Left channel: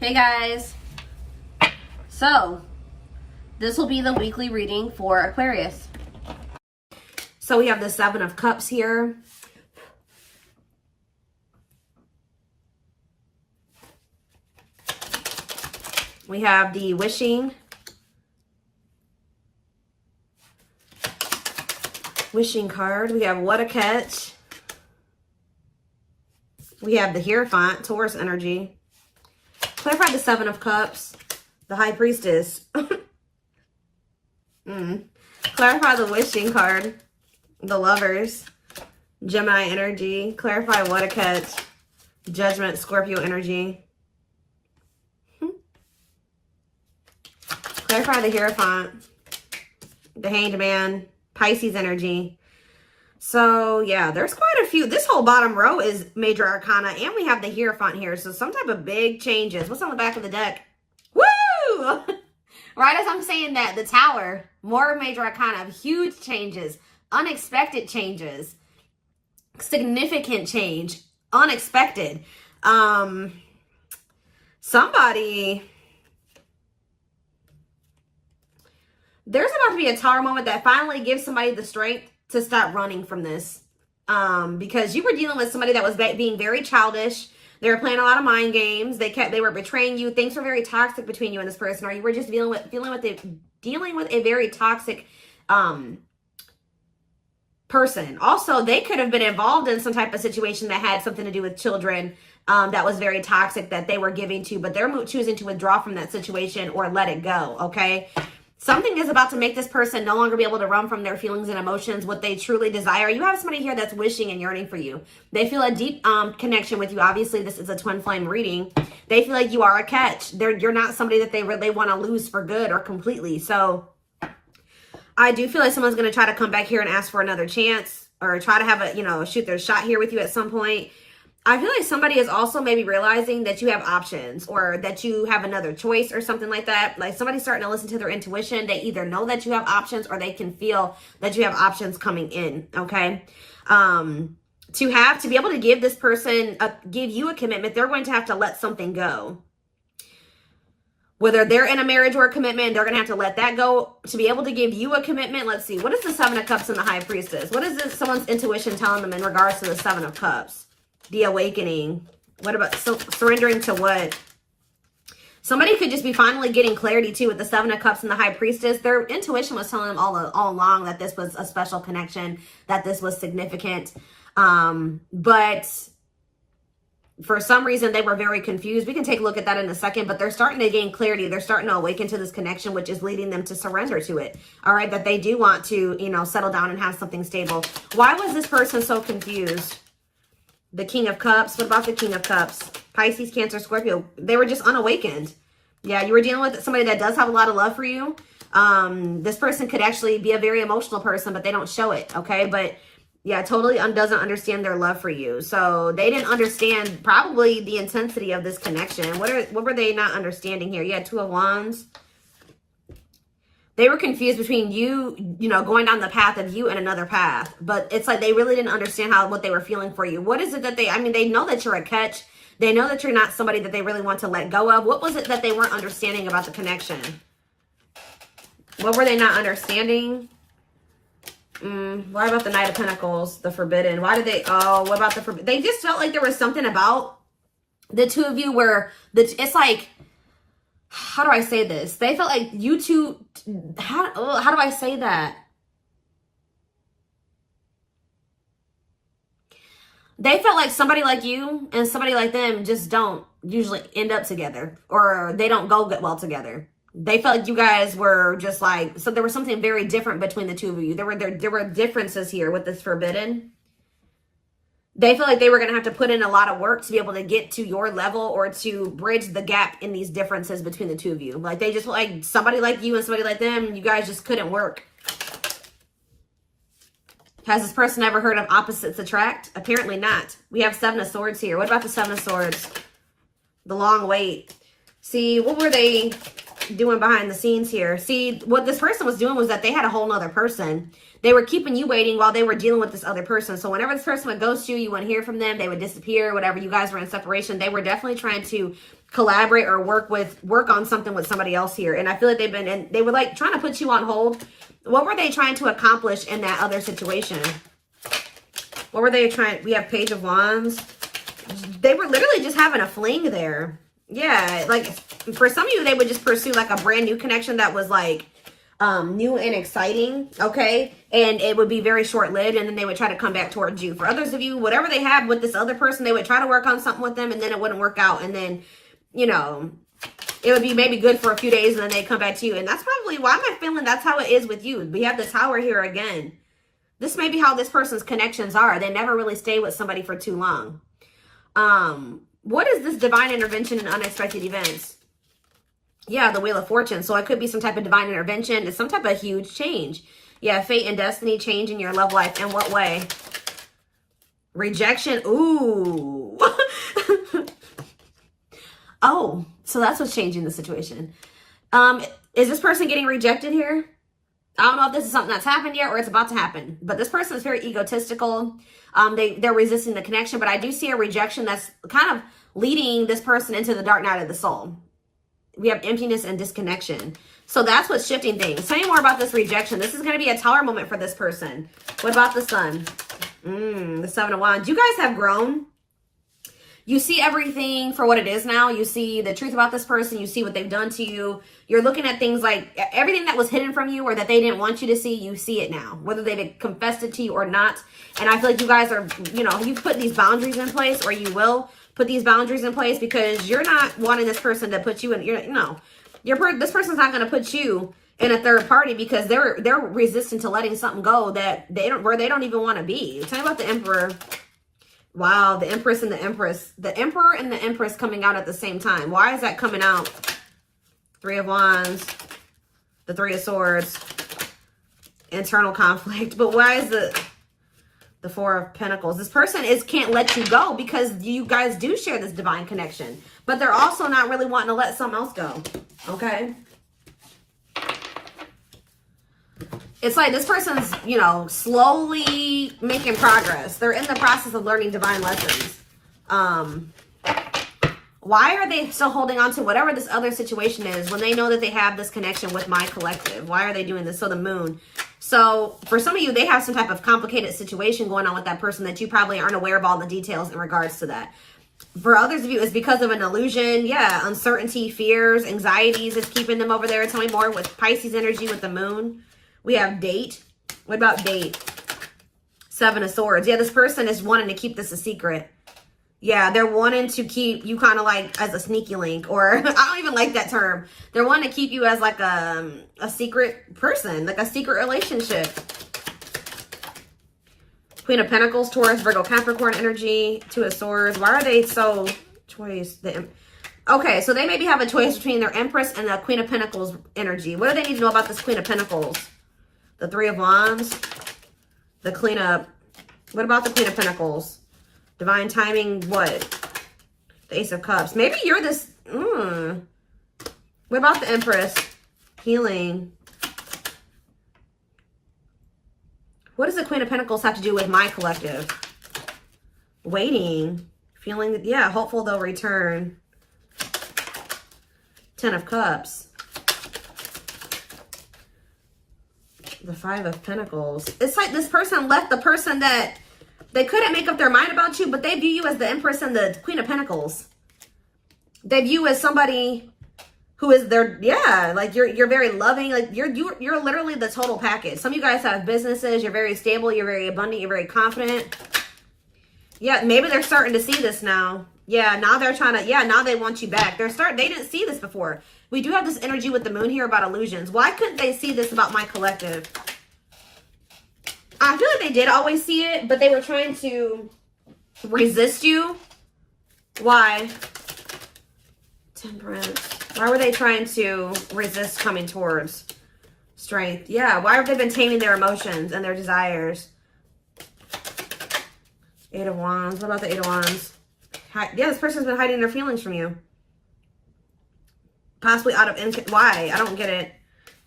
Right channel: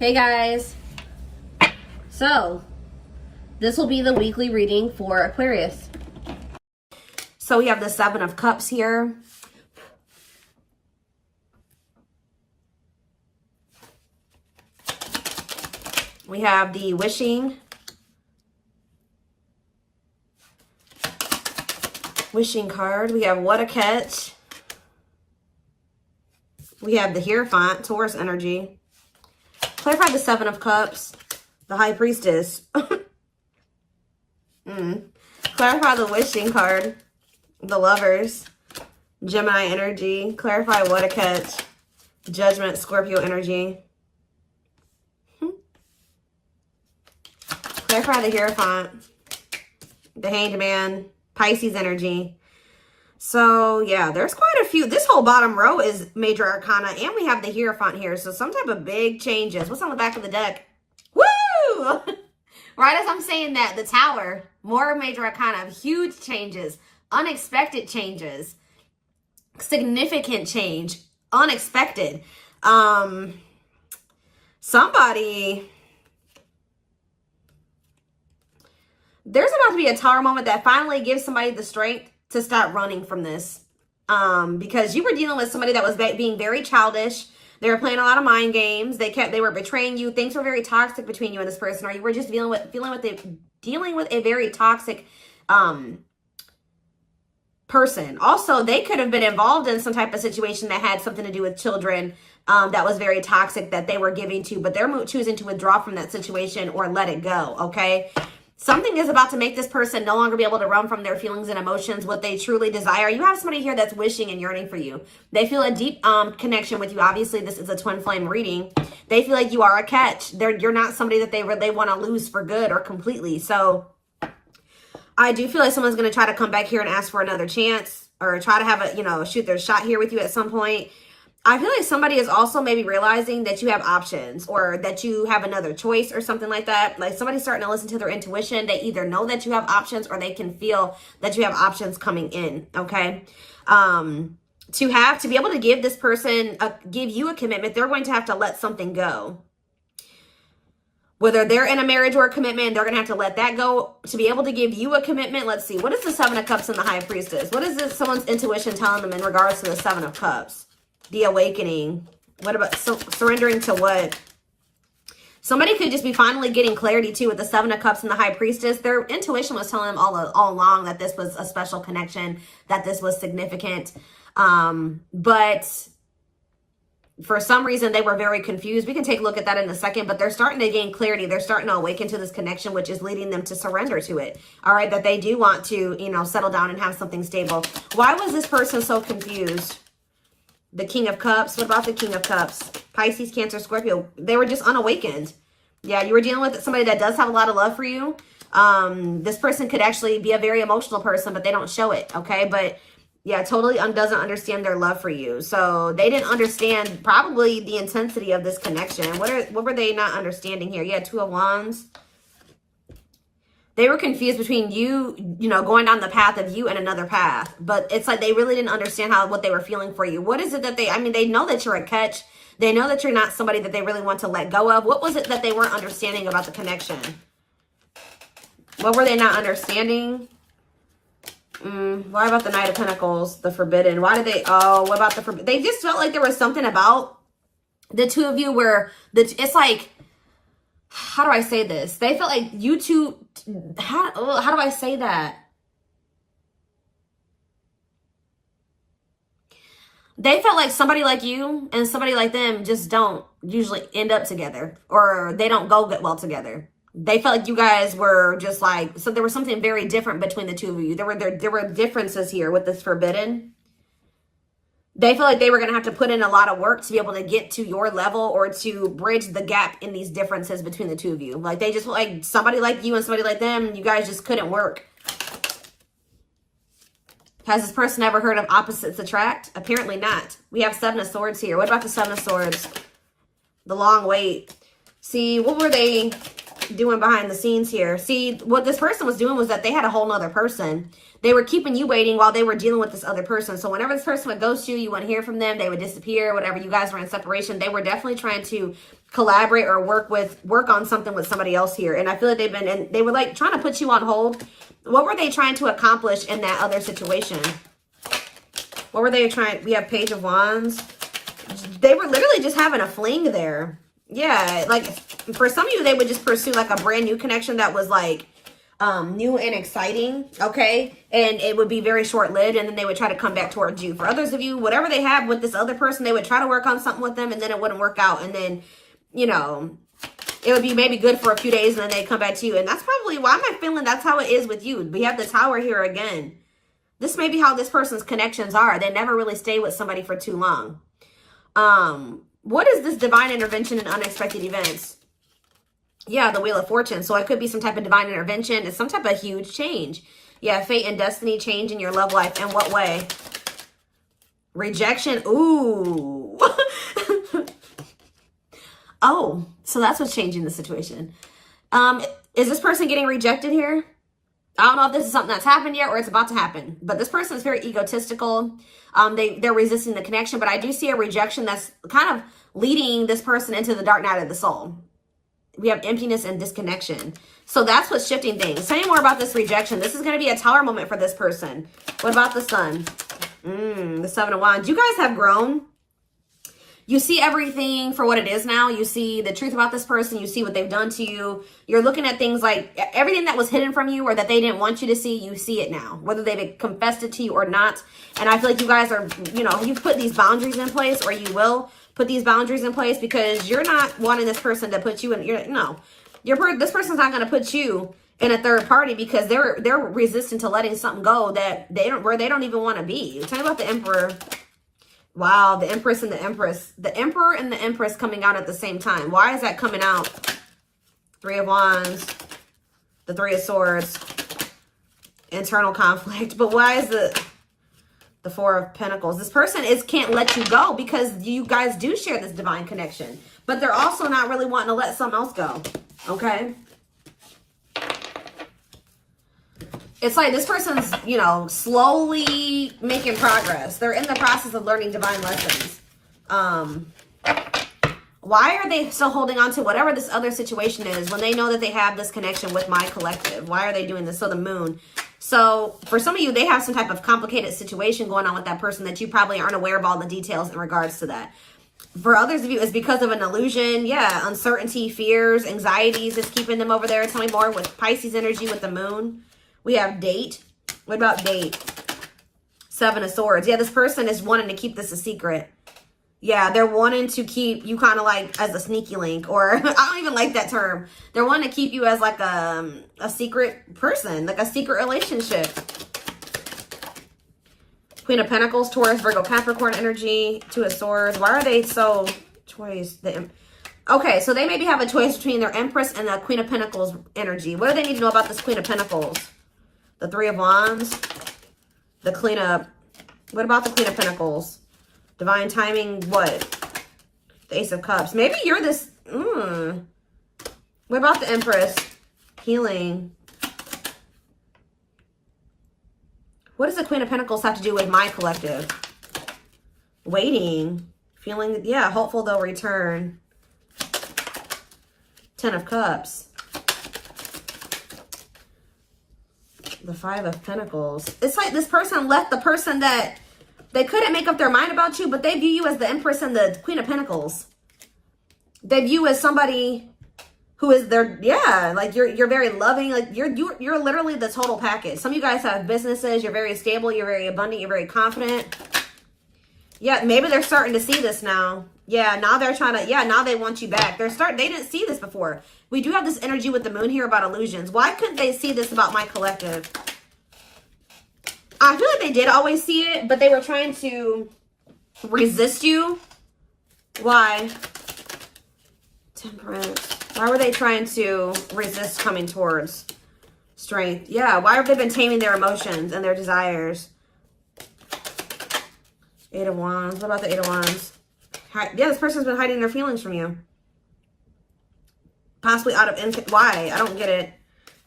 Hey guys, so this will be the weekly reading for Aquarius. So we have the Seven of Cups here. We have the wishing card. We have what a catch. We have the Hierophant, Taurus energy. Clarify the Seven of Cups, the High Priestess. Clarify the wishing card, the Lovers, Gemini energy. Clarify what a catch, Judgment, Scorpio energy. Clarify the Hierophant, the Hanged Man, Pisces energy. So, yeah, there's quite a few. This whole bottom row is major arcana, and we have the Hierophant here. So, some type of big changes. What's on the back of the deck? Woo! Right as I'm saying that, the Tower, more major arcana, huge changes, unexpected changes, significant change, unexpected. Somebody... There's about to be a Tower moment that finally gives somebody the strength to stop running from this. Because you were dealing with somebody that was being very childish. They were playing a lot of mind games. They were betraying you. Things were very toxic between you and this person, or you were just dealing with a very toxic person. Also, they could have been involved in some type of situation that had something to do with children that was very toxic that they were giving to, but they're choosing to withdraw from that situation or let it go, okay? Something is about to make this person no longer be able to run from their feelings and emotions, what they truly desire. You have somebody here that's wishing and yearning for you. They feel a deep connection with you. Obviously, this is a twin flame reading. They feel like you are a catch. You're not somebody that they want to lose for good or completely. So I do feel like someone's going to try to come back here and ask for another chance or try to have a, shoot their shot here with you at some point. I feel like somebody is also maybe realizing that you have options or that you have another choice or something like that. Like somebody's starting to listen to their intuition. They either know that you have options or they can feel that you have options coming in, okay? To be able to give this person, give you a commitment, they're going to have to let something go. Whether they're in a marriage or a commitment, they're going to have to let that go to be able to give you a commitment. Let's see. What is the Seven of Cups and the High Priestess? What is this, someone's intuition telling them in regards to the Seven of Cups? The awakening. What about surrendering to what? Somebody could just be finally getting clarity too with the Seven of Cups and the High Priestess. Their intuition was telling them all along that this was a special connection, that this was significant. But for some reason, they were very confused. We can take a look at that in a second, but they're starting to gain clarity. They're starting to awaken to this connection, which is leading them to surrender to it. All right, that they do want to, settle down and have something stable. Why was this person so confused? The King of Cups. What about the King of Cups? Pisces, Cancer, Scorpio. They were just unawakened. Yeah, you were dealing with somebody that does have a lot of love for you. This person could actually be a very emotional person, but they don't show it, okay? But, yeah, totally doesn't understand their love for you. So, they didn't understand probably the intensity of this connection. What were they not understanding here? You had Two of Wands. They were confused between you, going down the path of you and another path. But it's like they really didn't understand what they were feeling for you. What is it that they know that you're a catch. They know that you're not somebody that they really want to let go of. What was it that they weren't understanding about the connection? What were they not understanding? Why about the Knight of Pentacles, the Forbidden? Why did they, what about the Forbidden? They just felt like there was something about the two of you where it's like, how do I say this? They felt like you two, how do I say that? They felt like somebody like you and somebody like them just don't usually end up together, or they don't go well together. They felt like you guys were just like, so there was something very different between the two of you. There were differences here with this Forbidden. They feel like they were going to have to put in a lot of work to be able to get to your level or to bridge the gap in these differences between the two of you. Like they just like somebody like you and somebody like them, you guys just couldn't work. Has this person ever heard of opposites attract? Apparently not. We have Seven of Swords here. What about the Seven of Swords? The long wait. See, what were they doing behind the scenes here? See, what this person was doing was that they had a whole nother person they were keeping you waiting while they were dealing with this other person. So whenever this person would ghost you, you wouldn't hear from them, they would disappear, whatever, you guys were in separation. They were definitely trying to collaborate or work on something with somebody else here. And I feel like they were like trying to put you on hold. What were they trying to accomplish in that other situation? What were they trying? We have Page of Wands. They were literally just having a fling there. Yeah, like for some of you, they would just pursue like a brand new connection that was like new and exciting, okay? And it would be very short-lived, and then they would try to come back towards you. For others of you, whatever they have with this other person, they would try to work on something with them, and then it wouldn't work out. And then, you know, it would be maybe good for a few days, and then they come back to you. And that's probably why am I feeling that's how it is with you. We have the Tower here again. This may be how this person's connections are. They never really stay with somebody for too long. What is this divine intervention and unexpected events? Yeah, the Wheel of Fortune. So it could be some type of divine intervention. It's some type of huge change. Yeah, fate and destiny change in your love life. In what way? Rejection. Ooh. Oh, so that's what's changing the situation. Is this person getting rejected here? I don't know if this is something that's happened yet or it's about to happen. But this person is very egotistical. They're resisting the connection. But I do see a rejection that's kind of leading this person into the dark night of the soul. We have emptiness and disconnection. So that's what's shifting things. Tell me more about this rejection. This is going to be a Tower moment for this person. What about the Sun? The Seven of Wands. You guys have grown. You see everything for what it is now. You see the truth about this person. You see what they've done to you. You're looking at things like everything that was hidden from you or that they didn't want you to see, you see it now. Whether they confessed it to you or not. And I feel like you guys are, you know, you've put these boundaries in place, or you will put these boundaries in place, because you're not wanting this person to put you in, this person's not going to put you in a third party, because they're resistant to letting something go that they don't even want to be. Tell me about the Emperor. Wow, the Empress and the Empress. The Emperor and the Empress coming out at the same time. Why is that coming out? Three of Wands, the Three of Swords, internal conflict. But why is the Four of Pentacles? This person can't let you go, because you guys do share this divine connection. But they're also not really wanting to let something else go. Okay? It's like this person's, you know, slowly making progress. They're in the process of learning divine lessons. Why are they still holding on to whatever this other situation is when they know that they have this connection with my collective? Why are they doing this? So the Moon. So for some of you, they have some type of complicated situation going on with that person that you probably aren't aware of all the details in regards to that. For others of you, it's because of an illusion. Yeah, uncertainty, fears, anxieties is keeping them over there. Tell me more with Pisces energy with the Moon. We have Date. What about Date? Seven of Swords. Yeah, this person is wanting to keep this a secret. Yeah, they're wanting to keep you kind of like as a sneaky link, or I don't even like that term. They're wanting to keep you as like a secret person, like a secret relationship. Queen of Pentacles, Taurus, Virgo, Capricorn energy, Two of Swords. Why are they so choice? Okay, so they maybe have a choice between their Empress and the Queen of Pentacles energy. What do they need to know about this Queen of Pentacles? The Three of Wands, the Queen of... What about the Queen of Pentacles? Divine timing, what? The Ace of Cups. Maybe you're this... What about the Empress? Healing. What does the Queen of Pentacles have to do with my collective? Waiting. Feeling... Yeah, hopeful they'll return. Ten of Cups. The Five of Pentacles. It's like this person left the person that they couldn't make up their mind about you, but they view you as the Empress and the Queen of Pentacles. They view you as somebody who is their, yeah, like you're very loving, like you're literally the total package. Some of you guys have businesses, you're very stable, you're very abundant, you're very confident. Yeah, maybe they're starting to see this now. Yeah, now they're trying to, yeah, now they want you back. They didn't see this before. We do have this energy with the Moon here about illusions. Why couldn't they see this about my collective? I feel like they did always see it, but they were trying to resist you. Why? Temperance. Why were they trying to resist coming towards Strength? Yeah, why have they been taming their emotions and their desires? Eight of Wands. What about the Eight of Wands? Yeah, this person's been hiding their feelings from you. Possibly out of... Why? I don't get it.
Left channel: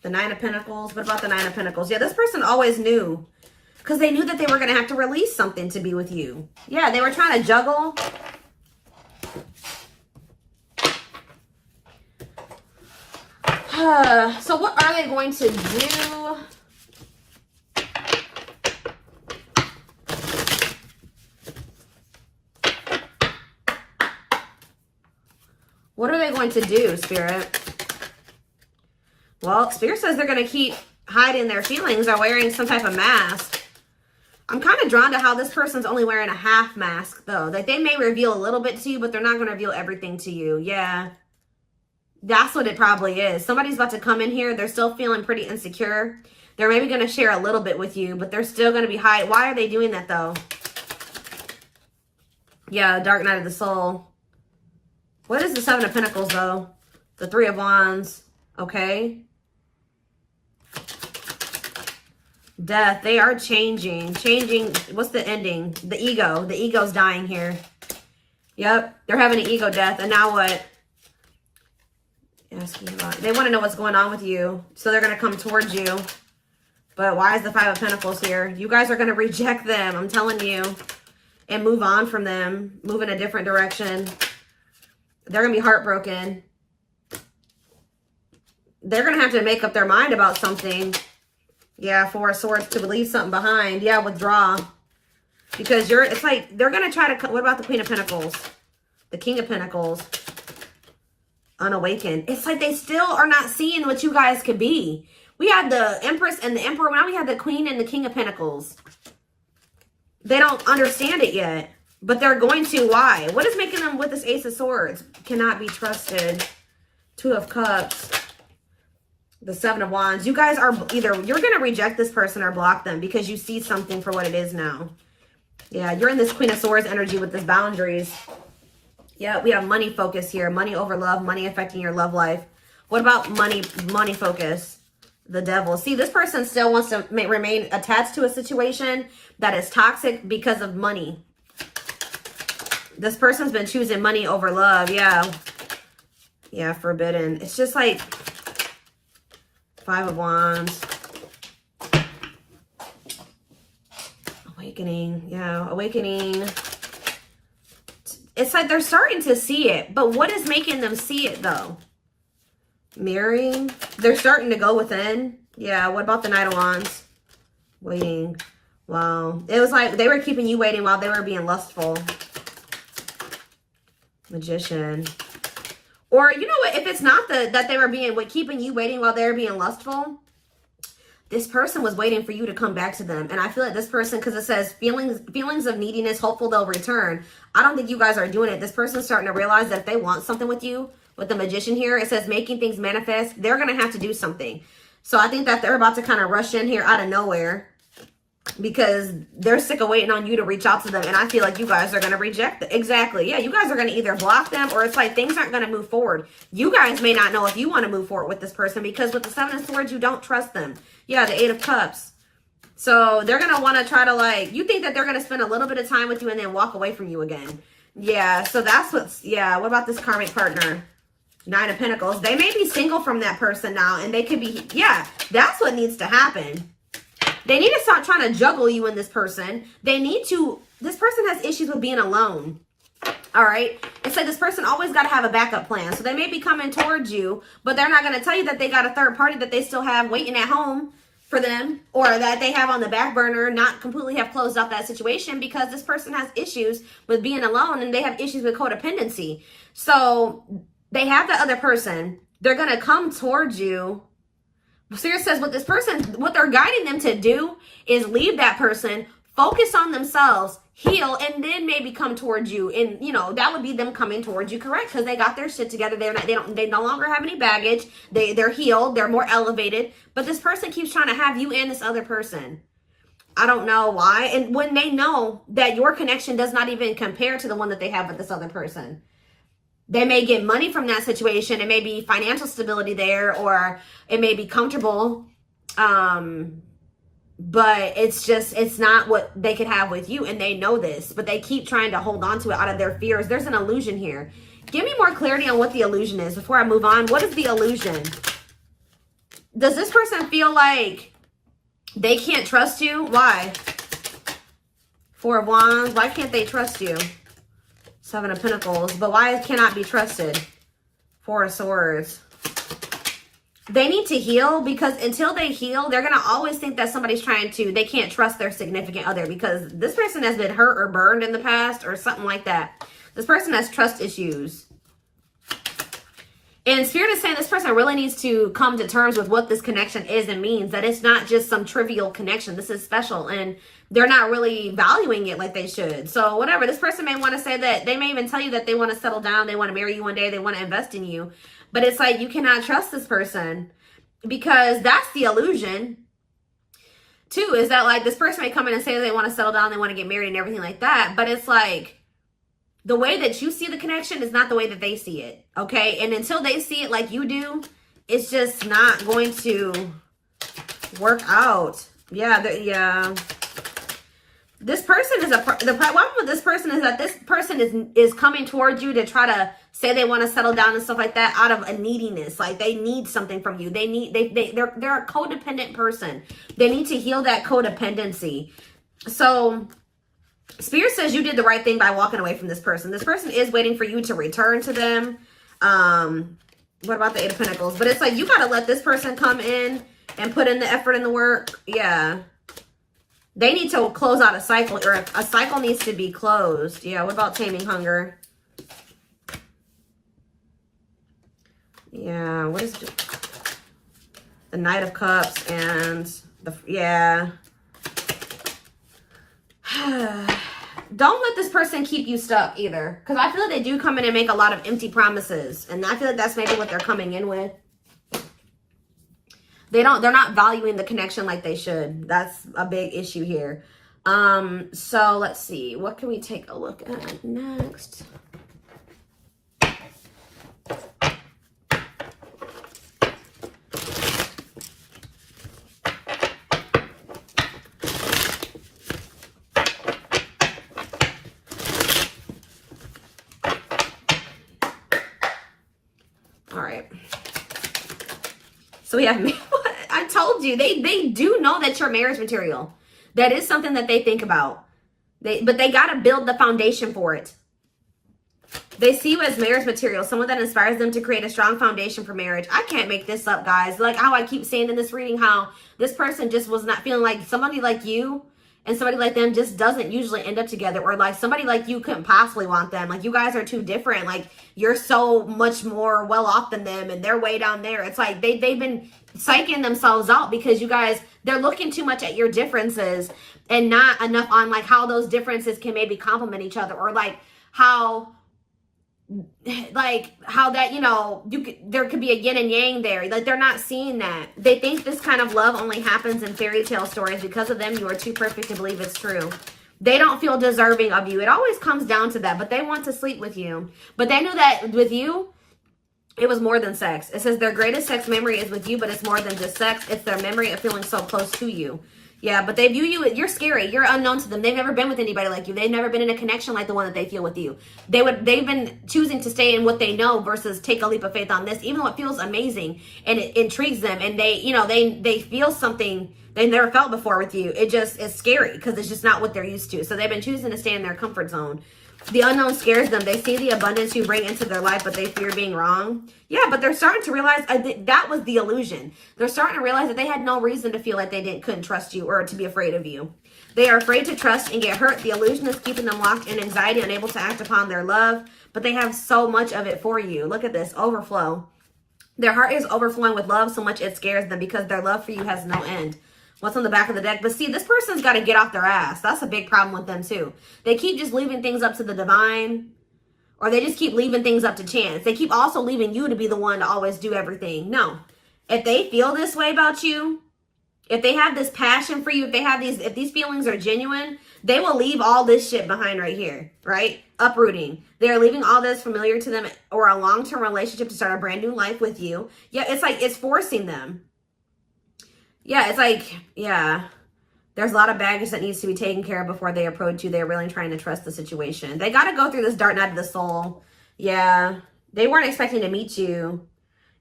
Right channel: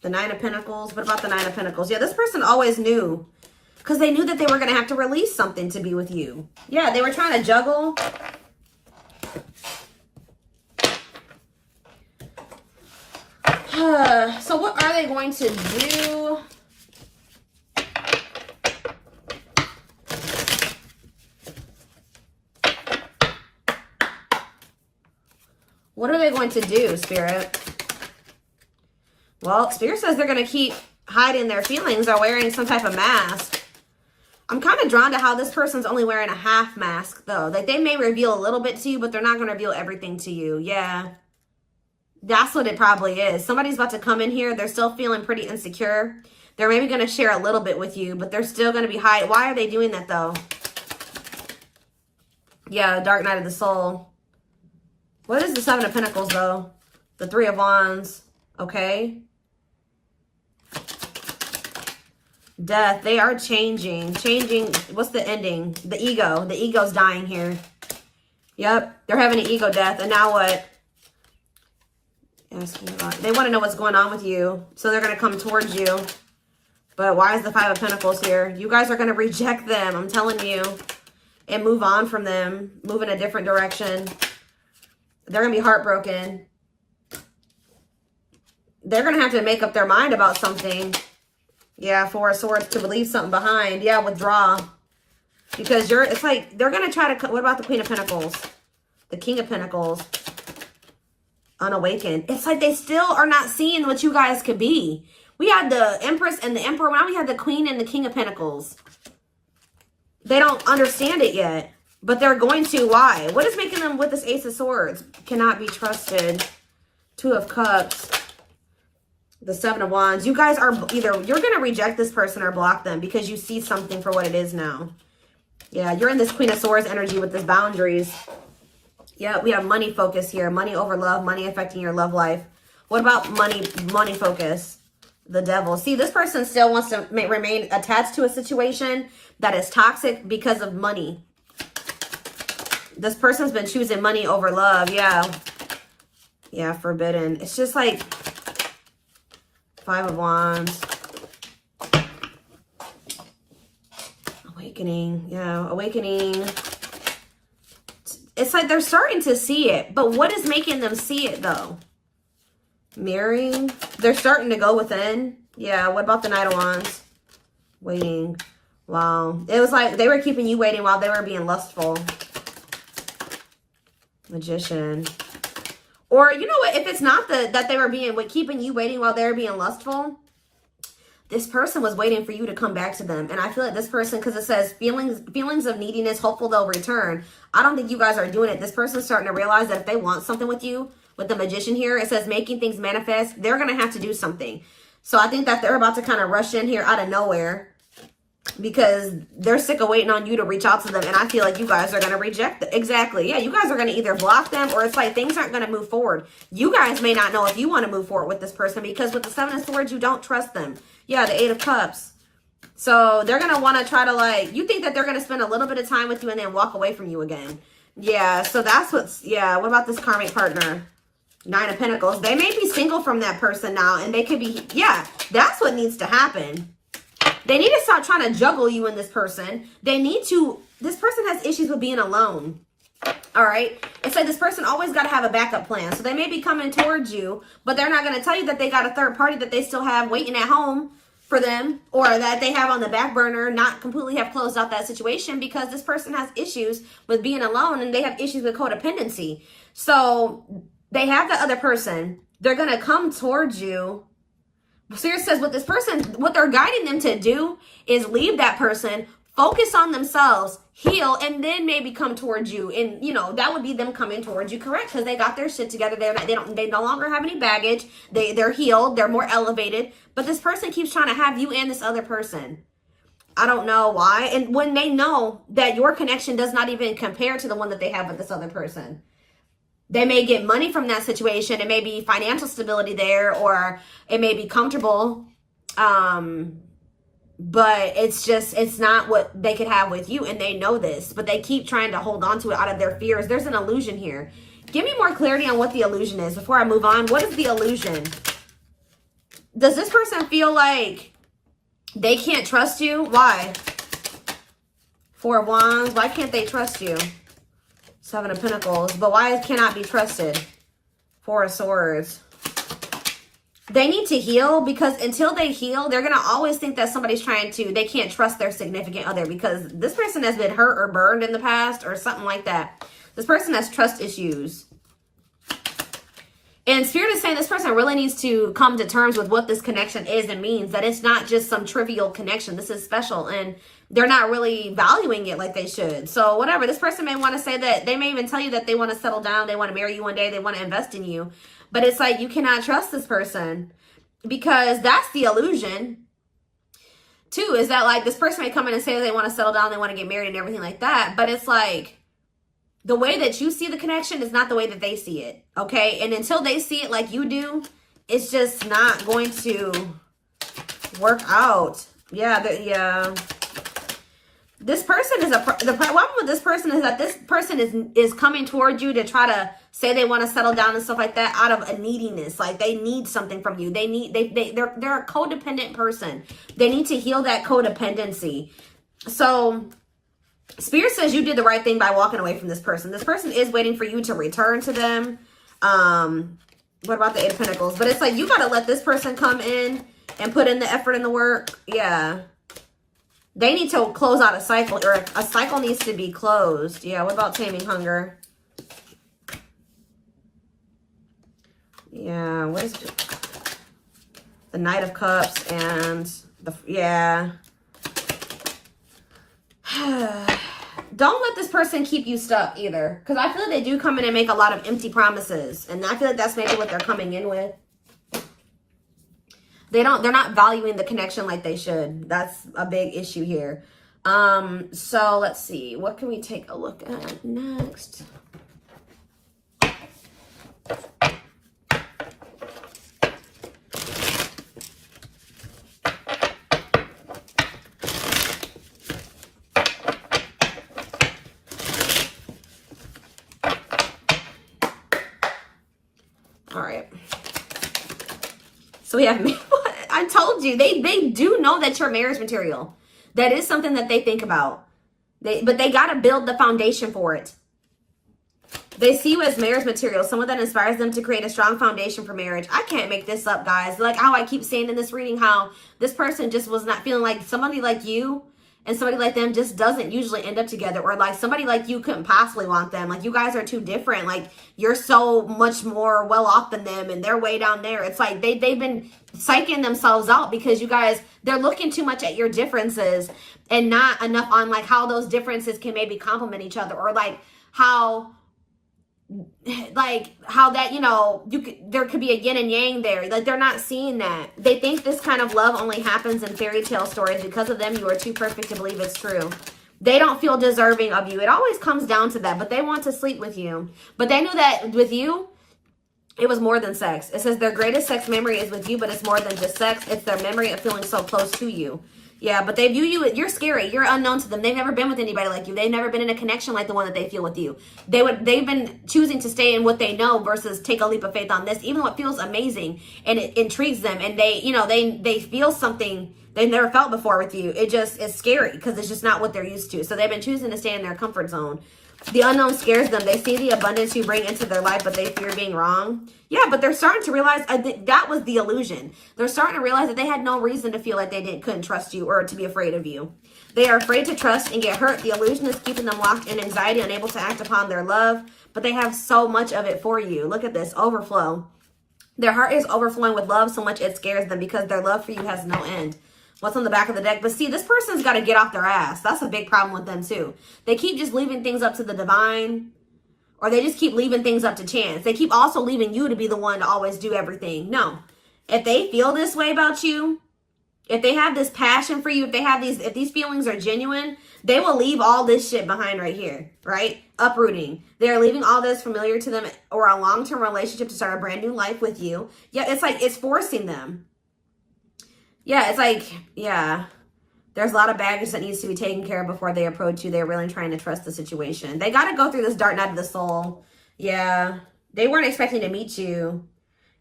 The Nine of Pentacles. What about the Nine of Pentacles? Yeah, this person always knew. Because they knew that they were going to have to release something to be with you. Yeah, they were trying to juggle. So what are they going to do? What are they going to do, Spirit? Well, Spirit says they're going to keep hiding their feelings or wearing some type of mask. I'm kind of drawn to how this person's only wearing a half mask, though. Like, they may reveal a little bit to you, but they're not going to reveal everything to you. Yeah. That's what it probably is. Somebody's about to come in here. They're still feeling pretty insecure. They're maybe going to share a little bit with you, but they're still going to be hiding. Why are they doing that, though? Yeah, Dark Night of the Soul. What is the Seven of Pentacles, though? The Three of Wands. Okay. Death. They are changing. Changing. What's the ending? The ego. The ego's dying here. Yep. They're having an ego death. And now what? They want to know what's going on with you. So they're going to come towards you. But why is the Five of Pentacles here? You guys are going to reject them. I'm telling you. And move on from them. Move in a different direction. They're going to be heartbroken. They're going to have to make up their mind about something. Yeah, Four of Swords, to leave something behind. Yeah, withdraw. Because it's like, they're going to try to, what about the Queen of Pentacles? The King of Pentacles. Unawakened. It's like they still are not seeing what you guys could be. We had the Empress and the Emperor. Now we have the Queen and the King of Pentacles. They don't understand it yet. But they're going to. Why? What is making them with this Ace of Swords? Cannot be trusted. Two of Cups. The Seven of Wands. You guys are either, you're going to reject this person or block them because you see something for what it is now. Yeah, you're in this Queen of Swords energy with this boundaries. Yeah, we have money focus here. Money over love. Money affecting your love life. What about money focus? The Devil. See, this person still wants to remain attached to a situation that is toxic because of money. This person's been choosing money over love. Yeah. Yeah, forbidden. It's just like Five of Wands. Awakening. Yeah, awakening. It's like they're starting to see it. But what is making them see it, though? Mirroring. They're starting to go within. Yeah, what about the Knight of Wands? Waiting. Wow. It was like they were keeping you waiting while they were being lustful. Magician. Or, you know what? If it's not that they were keeping you waiting while they were being lustful, this person was waiting for you to come back to them. And I feel like this person, because it says feelings of neediness, hopeful they'll return. I don't think you guys are doing it. This person's starting to realize that if they want something with you, with the Magician here, it says making things manifest, they're going to have to do something. So I think that they're about to kind of rush in here out of nowhere because they're sick of waiting on you to reach out to them. And I feel like you guys are going to reject them. Exactly. Yeah, you guys are going to either block them or it's like things aren't going to move forward. You guys may not know if you want to move forward with this person because with the Seven of Swords, you don't trust them. Yeah, the Eight of Cups. So they're going to want to try to like, you think that they're going to spend a little bit of time with you and then walk away from you again. Yeah, so that's what's, yeah, what about this karmic partner? Nine of Pentacles. They may be single from that person now and they could be, yeah, that's what needs to happen. They need to stop trying to juggle you and this person. They need to, this person has issues with being alone. All right. It's like this person always got to have a backup plan. So they may be coming towards you, but they're not going to tell you that they got a third party that they still have waiting at home for them or that they have on the back burner, not completely have closed out that situation because this person has issues with being alone and they have issues with codependency. So they have the other person. They're going to come towards you. Spirit says what this person, what they're guiding them to do is leave that person, focus on themselves, heal, and then maybe come towards you. And, you know, that would be them coming towards you, correct? Because they got their shit together. They no longer have any baggage. They're healed. They're more elevated. But this person keeps trying to have you and this other person. I don't know why. And when they know that your connection does not even compare to the one that they have with this other person. They may get money from that situation. It may be financial stability there, or it may be comfortable. But it's not what they could have with you. And they know this, but they keep trying to hold on to it out of their fears. There's an illusion here. Give me more clarity on what the illusion is before I move on. What is the illusion? Does this person feel like they can't trust you? Why? Four of Wands. Why can't they trust you? Seven of Pentacles. But why cannot be trusted? Four of Swords. They need to heal, because until they heal, they're going to always think that somebody's trying to, they can't trust their significant other, because this person has been hurt or burned in the past or something like that. This person has trust issues. And Spirit is saying this person really needs to come to terms with what this connection is and means, that it's not just some trivial connection. This is special, and they're not really valuing it like they should. So whatever, this person may want to say that, they may even tell you that they want to settle down, they want to marry you one day, they want to invest in you. But it's like, you cannot trust this person, because that's the illusion. Too, is that like this person may come in and say they want to settle down, they want to get married and everything like that. But it's like, the way that you see the connection is not the way that they see it. Okay. And until they see it like you do, it's just not going to work out. Yeah. Yeah. This person is the problem with this person is that this person is coming towards you to try to say they want to settle down and stuff like that out of a neediness. Like they need something from you. They're a codependent person. They need to heal that codependency. So Spirit says you did the right thing by walking away from this person. This person is waiting for you to return to them. What about the Eight of Pentacles? But it's like, you got to let this person come in and put in the effort and the work. Yeah. They need to close out a cycle, or a cycle needs to be closed. Yeah, what about taming hunger? Yeah, what is it? The Knight of Cups and, yeah. Don't let this person keep you stuck either. Because I feel like they do come in and make a lot of empty promises. And I feel like that's maybe what they're coming in with. They're not valuing the connection like they should. That's a big issue here. So let's see. What can we take a look at next? All right. So we have, I told you, they do know that you're marriage material. That is something that they think about. But they got to build the foundation for it. They see you as marriage material, someone that inspires them to create a strong foundation for marriage. I can't make this up, guys. Like how I keep saying in this reading, how this person just was not feeling like somebody like you and somebody like them just doesn't usually end up together, or like somebody like you couldn't possibly want them. Like you guys are too different. Like you're so much more well off than them and they're way down there. It's like they've been psyching themselves out because you guys, they're looking too much at your differences and not enough on like how those differences can maybe complement each other, or like how that, you know, there could be a yin and yang there. Like they're not seeing that. They think this kind of love only happens in fairy tale stories. Because of them, you are too perfect to believe it's true. They don't feel deserving of you. It always comes down to that, but they want to sleep with you. But they knew that with you, it was more than sex. It says their greatest sex memory is with you, but it's more than just sex. It's their memory of feeling so close to you. Yeah, but they view you, you're scary. You're unknown to them. They've never been with anybody like you. They've never been in a connection like the one that they feel with you. They've been choosing to stay in what they know versus take a leap of faith on this, even though it feels amazing and it intrigues them. And they, you know, they feel something they never felt before with you. It just is scary because it's just not what they're used to. So they've been choosing to stay in their comfort zone. The unknown scares them. They see the abundance you bring into their life, but they fear being wrong. Yeah, but they're starting to realize that was the illusion. They're starting to realize that they had no reason to feel like they couldn't trust you or to be afraid of you. They are afraid to trust and get hurt. The illusion is keeping them locked in anxiety, unable to act upon their love, but they have so much of it for you. Look at this, overflow. Their heart is overflowing with love so much it scares them because their love for you has no end. What's on the back of the deck? But see, this person's got to get off their ass. That's a big problem with them too. They keep just leaving things up to the divine, or they just keep leaving things up to chance. They keep also leaving you to be the one to always do everything. No. If they feel this way about you, if they have this passion for you, if these feelings are genuine, they will leave all this shit behind right here, right? Uprooting. They're leaving all this familiar to them or a long-term relationship to start a brand new life with you. Yeah, it's like it's forcing them. Yeah, it's like, yeah, there's a lot of baggage that needs to be taken care of before they approach you. They're really trying to trust the situation. They got to go through this dark night of the soul. Yeah, they weren't expecting to meet you.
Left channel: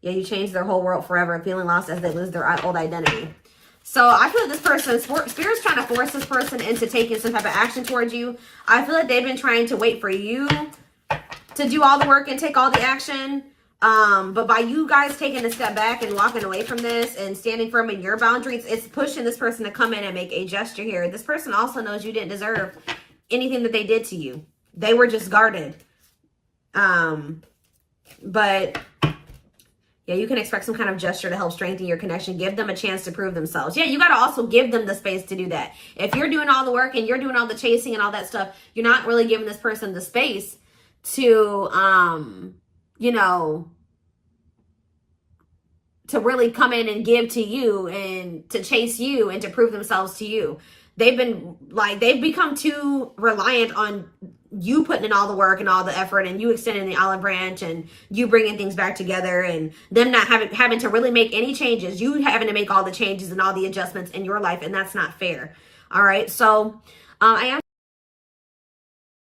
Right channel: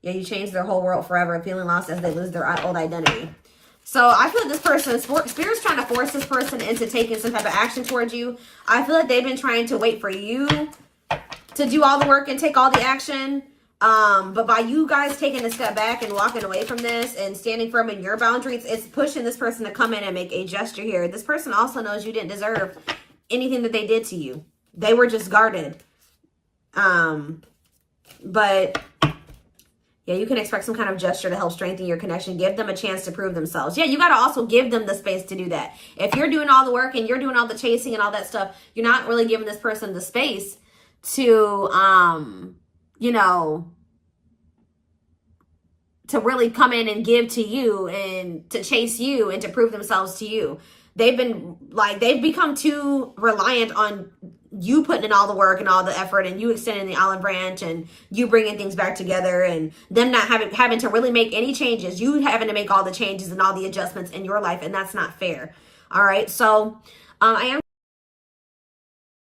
Yeah, you change their whole world forever, feeling lost as they lose their old identity. So I feel like this person, Spirit's trying to force this person into taking some type of action towards you. I feel like they've been trying to wait for you to do all the work and take all the action. But by you guys taking a step back and walking away from this and standing firm in your boundaries, it's pushing this person to come in and make a gesture here. This person also knows you didn't deserve anything that they did to you. They were just guarded. But yeah, you can expect some kind of gesture to help strengthen your connection. Give them a chance to prove themselves. Yeah, you got to also give them the space to do that. If you're doing all the work and you're doing all the chasing and all that stuff, you're not really giving this person the space to, you know, to really come in and give to you and to chase you and to prove themselves to you. They've become too reliant on you putting in all the work and all the effort and you extending the olive branch and you bringing things back together and them not having to really make any changes. You having to make all the changes and all the adjustments in your life, and that's not fair. All right. So I am